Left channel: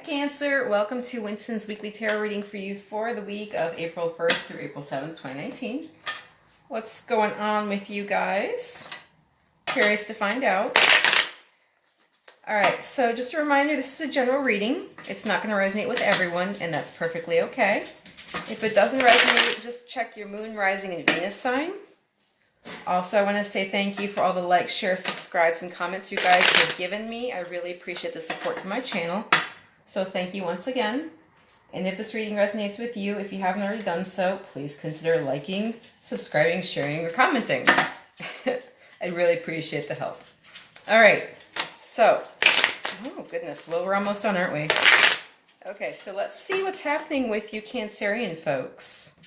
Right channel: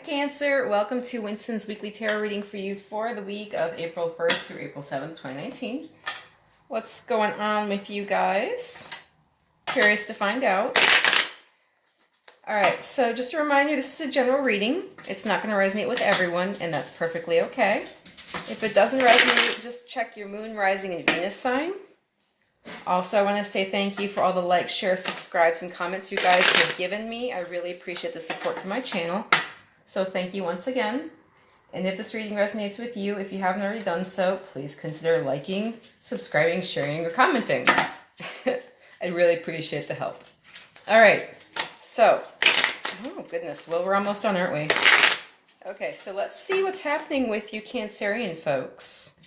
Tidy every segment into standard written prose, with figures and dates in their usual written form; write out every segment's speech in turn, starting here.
Cancer, welcome to Winston's weekly tarot reading for you for the week of April 1st through April 7th, 2019. What's going on with you guys? Curious to find out. Alright, so just a reminder, this is a general reading. It's not going to resonate with everyone, and that's perfectly okay. If it doesn't resonate, just check your moon, rising, and Venus sign. Also, I want to say thank you for all the likes, shares, subscribes, and comments you guys have given me. I really appreciate the support to my channel. So thank you once again. And if this reading resonates with you, if you haven't already done so, please consider liking, subscribing, sharing, or commenting. I'd really appreciate the help. All right, so, oh goodness, well, we're almost done, aren't we? Okay, so let's see what's happening with you Cancerian folks.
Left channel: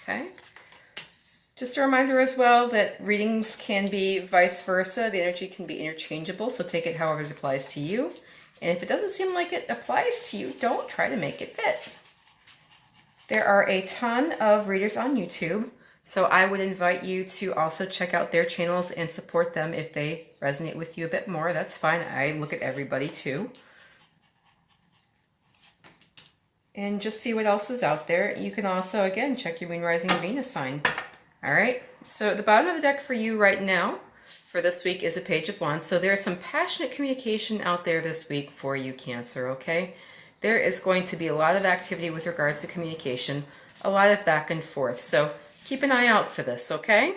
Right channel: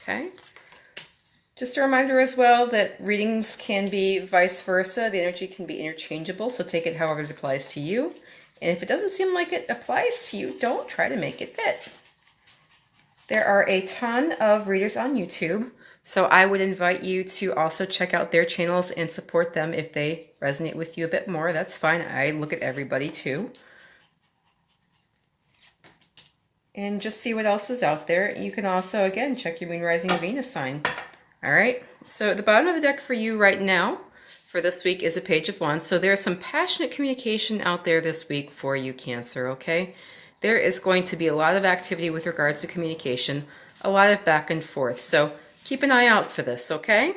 Okay. Just a reminder as well that readings can be vice versa. The energy can be interchangeable, so take it however it applies to you. And if it doesn't seem like it applies to you, don't try to make it fit. There are a ton of readers on YouTube, so I would invite you to also check out their channels and support them if they resonate with you a bit more. That's fine. I look at everybody too. And just see what else is out there. You can also, again, check your moon, rising, and Venus sign. All right, so at the bottom of the deck for you right now, for this week, is a Page of Wands. So there's some passionate communication out there this week for you, Cancer, okay? There is going to be a lot of activity with regards to communication, a lot of back and forth. So keep an eye out for this, okay?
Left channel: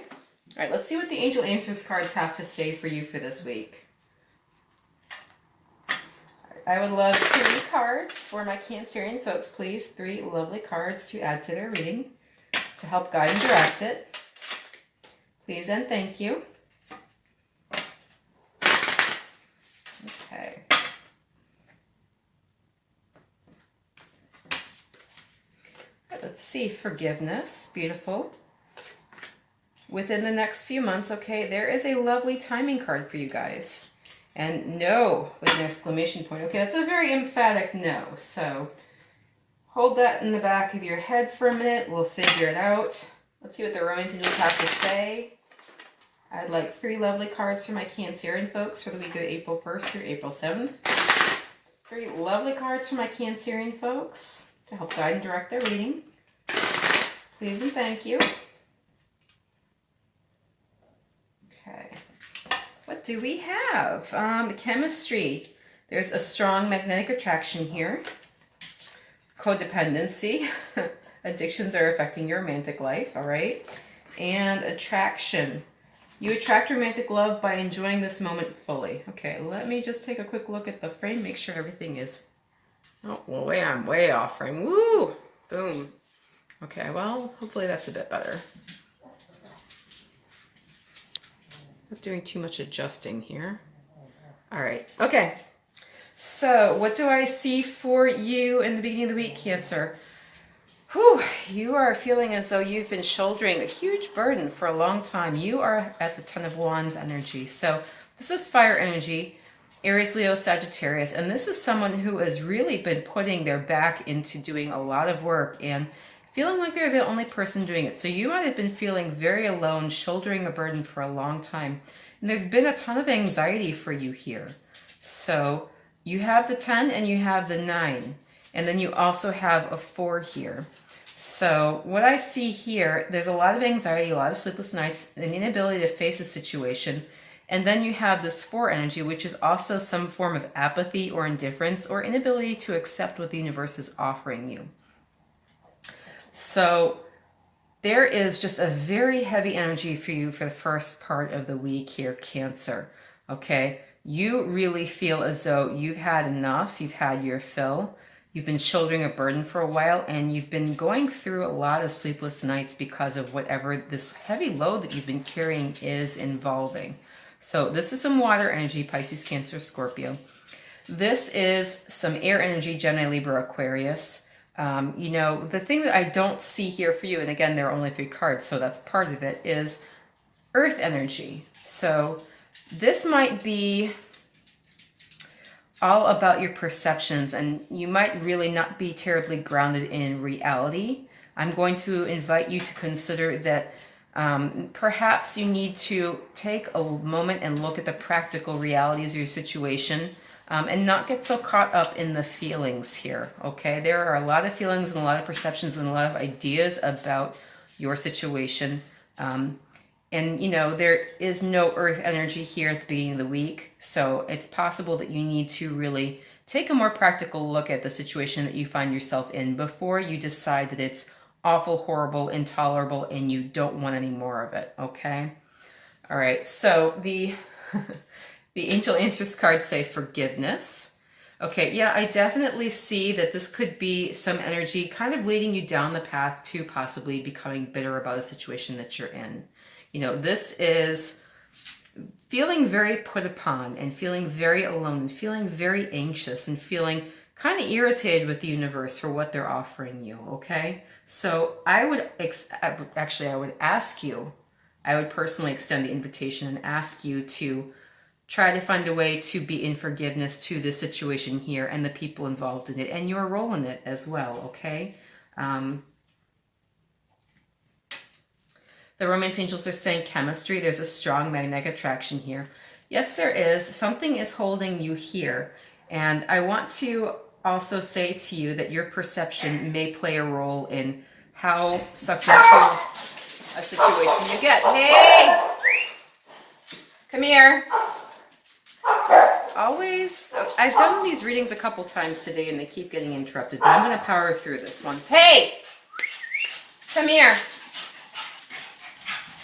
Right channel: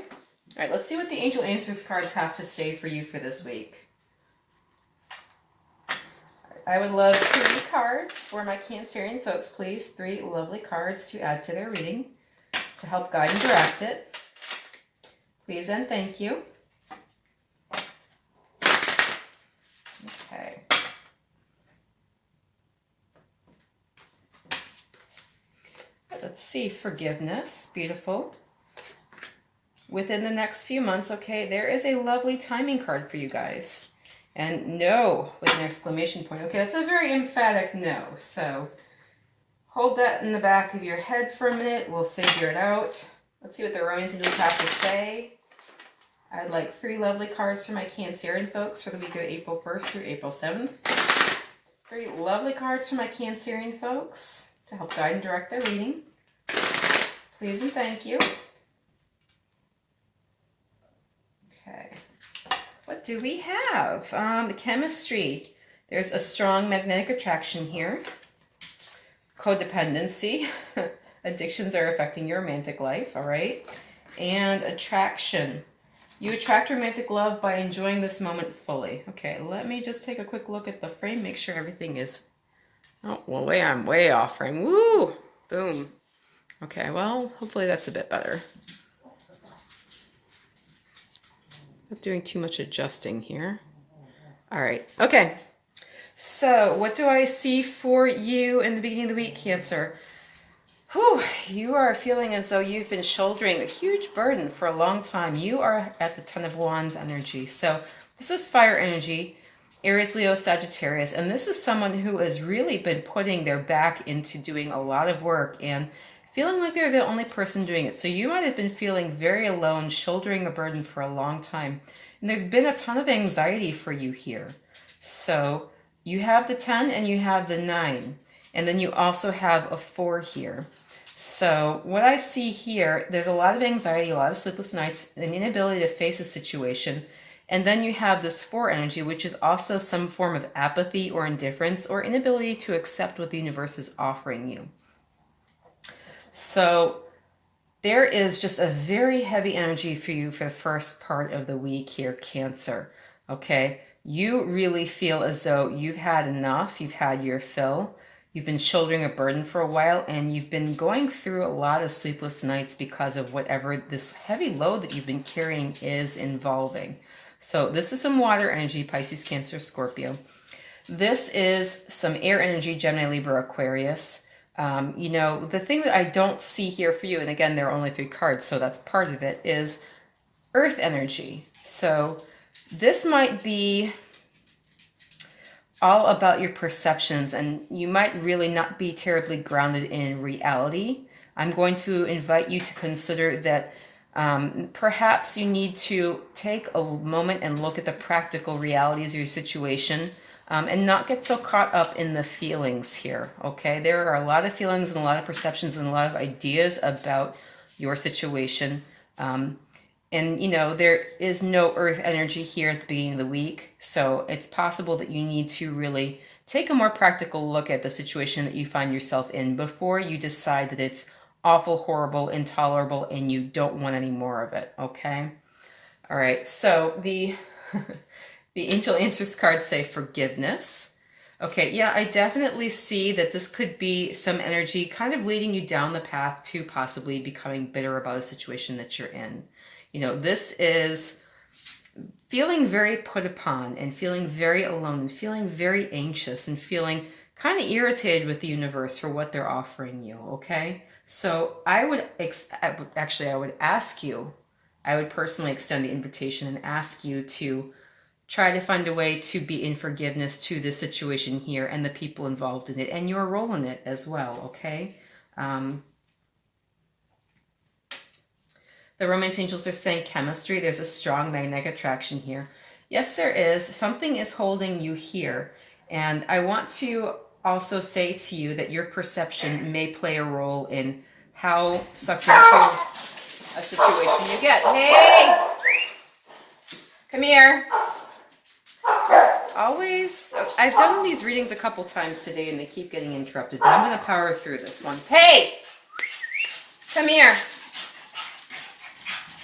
All right, let's see what the Angel Answers cards have to say for you for this week. I would love 3 cards for my Cancerian folks, please. 3 lovely cards to add to their reading to help guide and direct it. Please and thank you. Okay. Let's see, forgiveness, beautiful. Within the next few months, okay, there is a lovely timing card for you guys. And no, with an exclamation point. Okay, that's a very emphatic no. So hold that in the back of your head for a minute. We'll figure it out. Let's see what the Rowan's Angels have to say. I'd like 3 lovely cards for my Cancerian folks for the week of April 1st through April 7th. 3 lovely cards for my Cancerian folks to help guide and direct their reading. Please and thank you. Okay. What do we have? Chemistry. There's a strong magnetic attraction here. Codependency. Addictions are affecting your romantic life, all right? And attraction. You attract romantic love by enjoying this moment fully. Okay, let me just take a quick look at the frame, make sure everything is... Oh, well, I'm way off frame. Woo! Boom. Okay, well, hopefully that's a bit better. Not doing too much adjusting here. All right, okay. So what do I see for you in the beginning of the week, Cancer? Whew, you are feeling as though you've been shouldering a huge burden for a long time. You are at the Ten of Wands energy. So this is fire energy, Aries, Leo, Sagittarius. And this is someone who has really been putting their back into doing a lot of work and feeling like they're the only person doing it. So you might have been feeling very alone, shouldering a burden for a long time. And there's been a ton of anxiety for you here. So you have the 10 and you have the 9. And then you also have a 4 here. So what I see here, there's a lot of anxiety, a lot of sleepless nights, an inability to face a situation. And then you have this 4 energy, which is also some form of apathy or indifference or inability to accept what the universe is offering you. So there is just a very heavy energy for you for the first part of the week here, Cancer. Okay, you really feel as though you've had enough, you've had your fill. You've been shouldering a burden for a while, and you've been going through a lot of sleepless nights because of whatever this heavy load that you've been carrying is involving. So this is some water energy, Pisces, Cancer, Scorpio. This is some air energy, Gemini, Libra, Aquarius. You know, the thing that I don't see here for you, and again, there are only 3 cards, so that's part of it, is earth energy. So this might be all about your perceptions, and you might really not be terribly grounded in reality. I'm going to invite you to consider that Perhaps you need to take a moment and look at the practical realities of your situation, and not get so caught up in the feelings here, okay? There are a lot of feelings and a lot of perceptions and a lot of ideas about your situation. And, you know, there is no earth energy here at the beginning of the week, so it's possible that you need to really take a more practical look at the situation that you find yourself in before you decide that it's awful, horrible, intolerable, and you don't want any more of it, okay? All right, so the Angel Answers cards say forgiveness. Okay, yeah, I definitely see that this could be some energy kind of leading you down the path to possibly becoming bitter about a situation that you're in. You know, this is feeling very put upon and feeling very alone and feeling very anxious and feeling kind of irritated with the universe for what they're offering you, okay? So I would ask you, I would personally extend the invitation and ask you to try to find a way to be in forgiveness to this situation here and the people involved in it and your role in it as well, okay? The romance angels are saying chemistry. There's a strong magnetic attraction here. Yes, there is. Something is holding you here. And I want to also say to you that your perception may play a role in how sucked into a situation you get. Hey! Come here. Always, I've done these readings a couple times today and they keep getting interrupted, but I'm going to power through this one. Hey! Come here.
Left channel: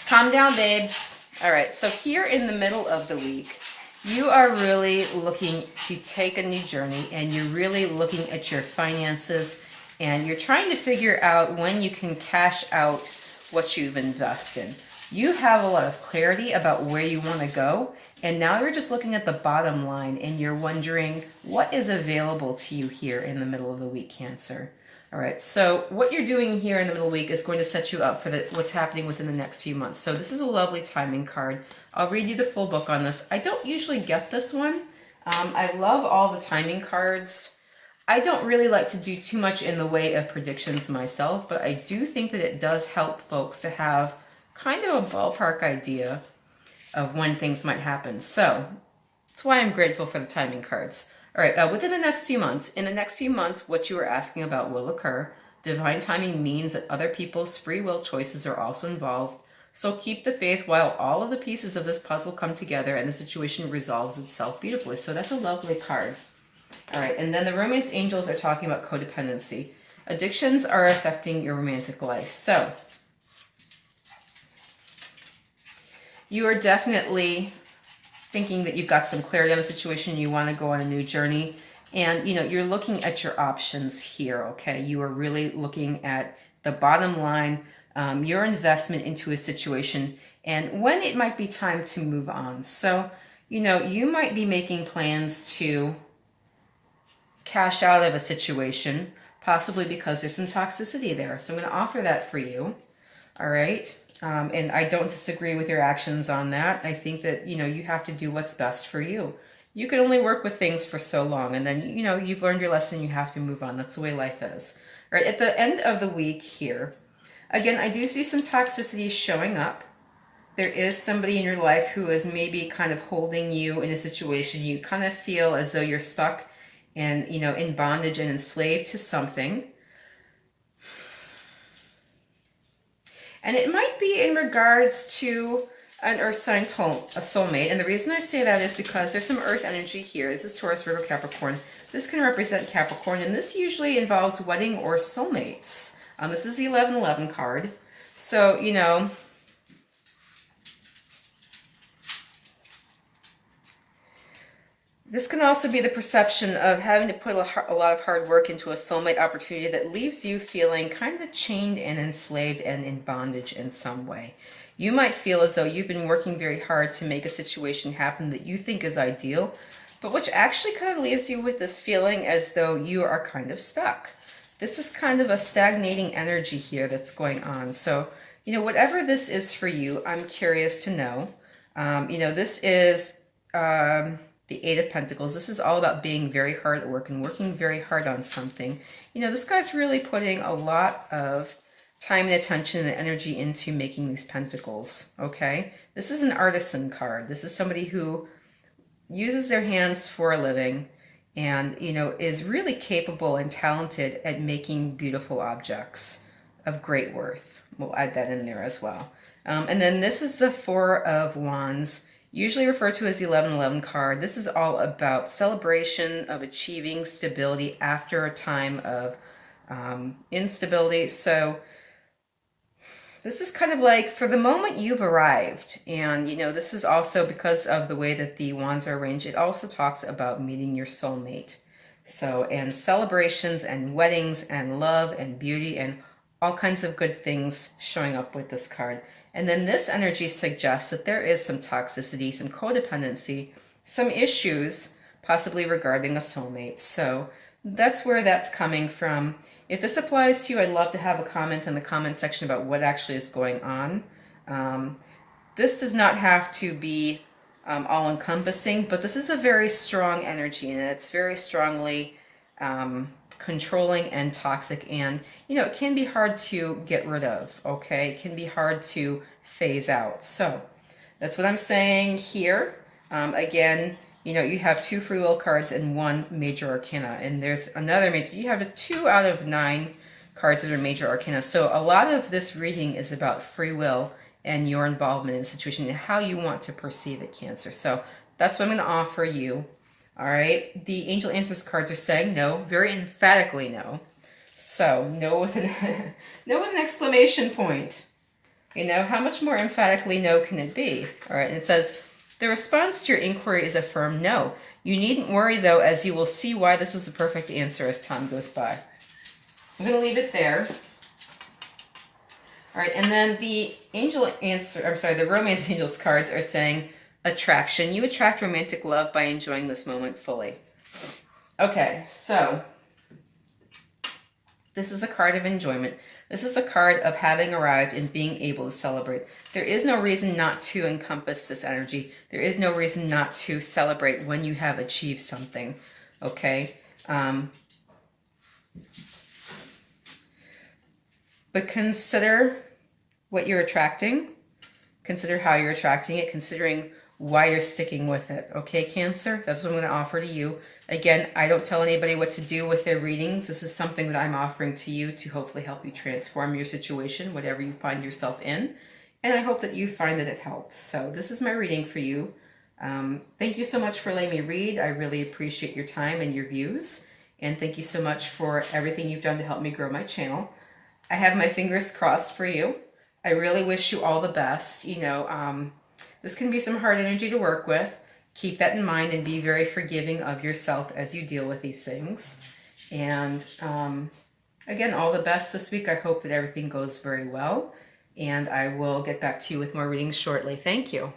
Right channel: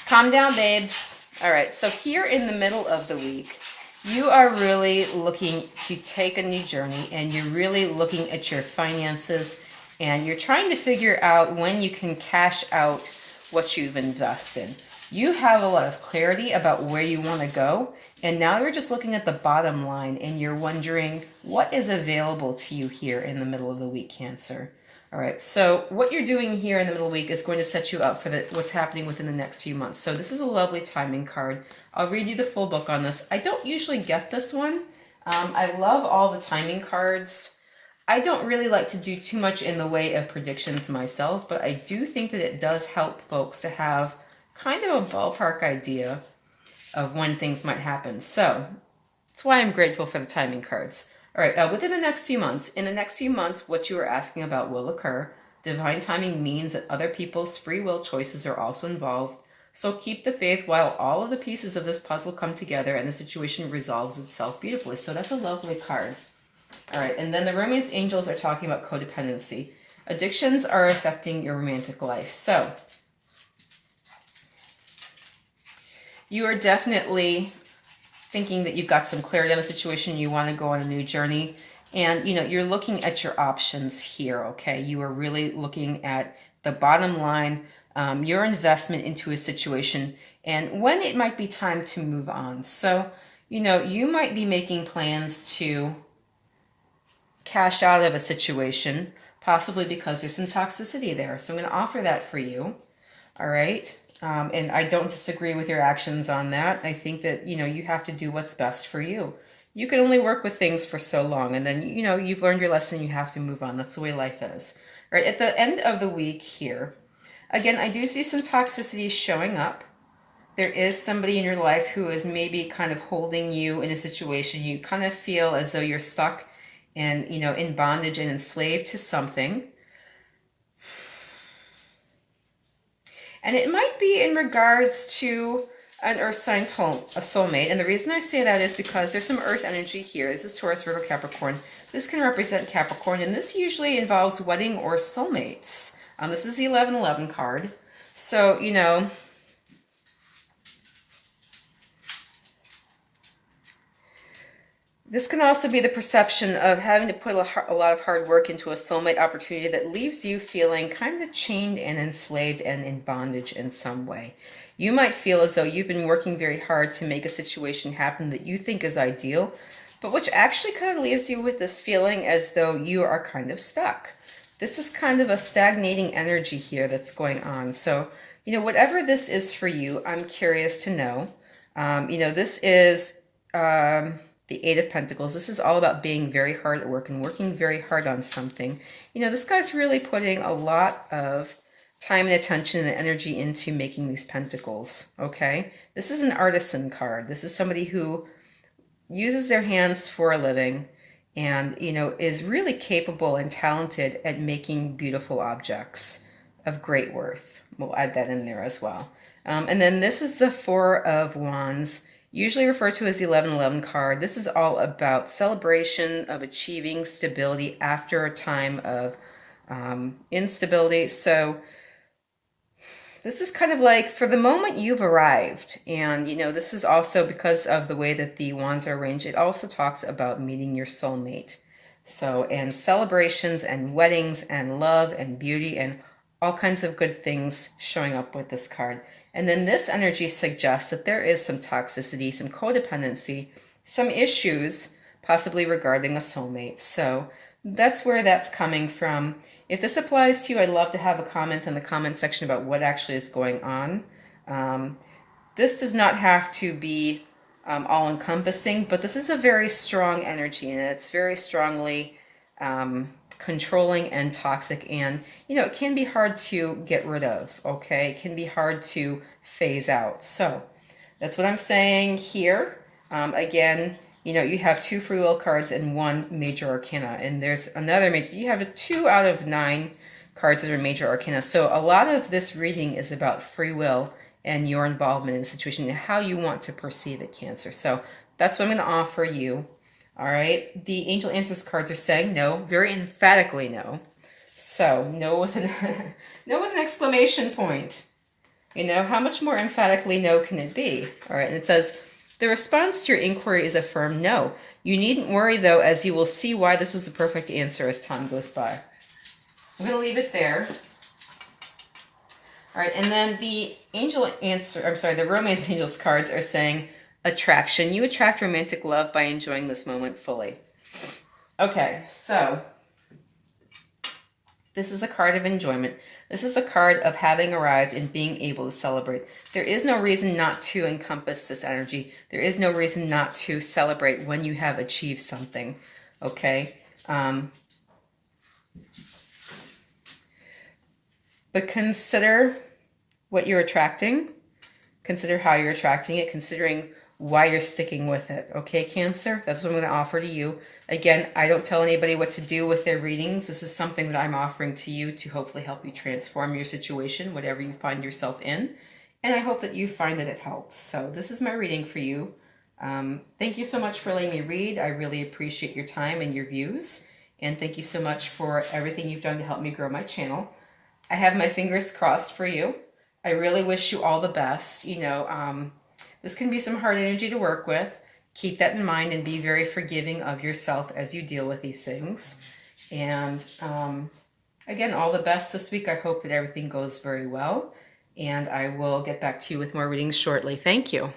Calm down, babes. All right, so here in the middle of the week, you are really looking to take a new journey and you're really looking at your finances and you're trying to figure out when you can cash out what you've invested. You have a lot of clarity about where you want to go, and now you're just looking at the bottom line and you're wondering what is available to you here in the middle of the week, Cancer. All right, so what you're doing here in the middle of the week is going to set you up for what's happening within the next few months. So this is a lovely timing card. I'll read you the full book on this. I don't usually get this one. I love all the timing cards. I don't really like to do too much in the way of predictions myself, but I do think that it does help folks to have kind of a ballpark idea of when things might happen. So that's why I'm grateful for the timing cards. All right, in the next few months, what you are asking about will occur. Divine timing means that other people's free will choices are also involved. So keep the faith while all of the pieces of this puzzle come together and the situation resolves itself beautifully. So that's a lovely card. All right, and then the romance angels are talking about codependency. Addictions are affecting your romantic life. So you are definitely thinking that you've got some clarity on the situation, you want to go on a new journey, and you know, you're looking at your options here, okay? You are really looking at the bottom line, your investment into a situation, and when it might be time to move on. So, you know, you might be making plans to cash out of a situation, possibly because there's some toxicity there. So I'm going to offer that for you, all right? And I don't disagree with your actions on that. I think that, you know, you have to do what's best for you. You can only work with things for so long. And then, you know, you've learned your lesson. You have to move on. That's the way life is. All right. At the end of the week here, again, I do see some toxicity showing up. There is somebody in your life who is maybe kind of holding you in a situation. You kind of feel as though you're stuck and, you know, in bondage and enslaved to something. And it might be in regards to an earth sign, a soulmate. And the reason I say that is because there's some earth energy here. This is Taurus, Virgo, Capricorn. This can represent Capricorn, and this usually involves wedding or soulmates. This is the 1111 card. So, you know, this can also be the perception of having to put a lot of hard work into a soulmate opportunity that leaves you feeling kind of chained and enslaved and in bondage in some way. You might feel as though you've been working very hard to make a situation happen that you think is ideal, but which actually kind of leaves you with this feeling as though you are kind of stuck. This is kind of a stagnating energy here that's going on. So, you know, whatever this is for you, I'm curious to know. You know, this is the Eight of Pentacles. This is all about being very hard at work and working very hard on something. You know, this guy's really putting a lot of time and attention and energy into making these pentacles, okay? This is an artisan card. This is somebody who uses their hands for a living and, you know, is really capable and talented at making beautiful objects of great worth. We'll add that in there as well. And then this is the Four of Wands, usually referred to as the 1111 card. This is all about celebration of achieving stability after a time of instability. So this is kind of like for the moment you've arrived. And, you know, this is also because of the way that the wands are arranged. It also talks about meeting your soulmate. So, and celebrations and weddings and love and beauty and all kinds of good things showing up with this card. And then this energy suggests that there is some toxicity, some codependency, some issues possibly regarding a soulmate. So that's where that's coming from. If this applies to you, I'd love to have a comment in the comment section about what actually is going on. This does not have to be all-encompassing, but this is a very strong energy, and it's very strongly controlling and toxic, and, you know, it can be hard to get rid of, okay? It can be hard to phase out. So that's what I'm saying here. Again, you know, you have 2 free will cards and 1 major arcana, and there's another major, you have 2 out of 9 cards that are major arcana. So a lot of this reading is about free will and your involvement in the situation and how you want to perceive it, Cancer. So that's what I'm going to offer you. All right. The angel answers cards are saying no, very emphatically no. So no with an no with an exclamation point. You know, how much more emphatically no can it be? All right. And it says, the response to your inquiry is a firm no. You needn't worry, though, as you will see why this was the perfect answer as time goes by. I'm going to leave it there. All right, and then the the romance angels cards are saying attraction. You attract romantic love by enjoying this moment fully. Okay, so this is a card of enjoyment. This is a card of having arrived and being able to celebrate. There is no reason not to encompass this energy. There is no reason not to celebrate when you have achieved something, okay? But consider what you're attracting. Consider how you're attracting it, considering why you're sticking with it, okay, Cancer? That's what I'm going to offer to you. Again, I don't tell anybody what to do with their readings. This is something that I'm offering to you to hopefully help you transform your situation, whatever you find yourself in. And I hope that you find that it helps. So this is my reading for you. Thank you so much for letting me read. I really appreciate your time and your views. And thank you so much for everything you've done to help me grow my channel. I have my fingers crossed for you. I really wish you all the best. You know, this can be some hard energy to work with. Keep that in mind and be very forgiving of yourself as you deal with these things. And again, all the best this week. I hope that everything goes very well. And I will get back to you with more readings shortly. Thank you.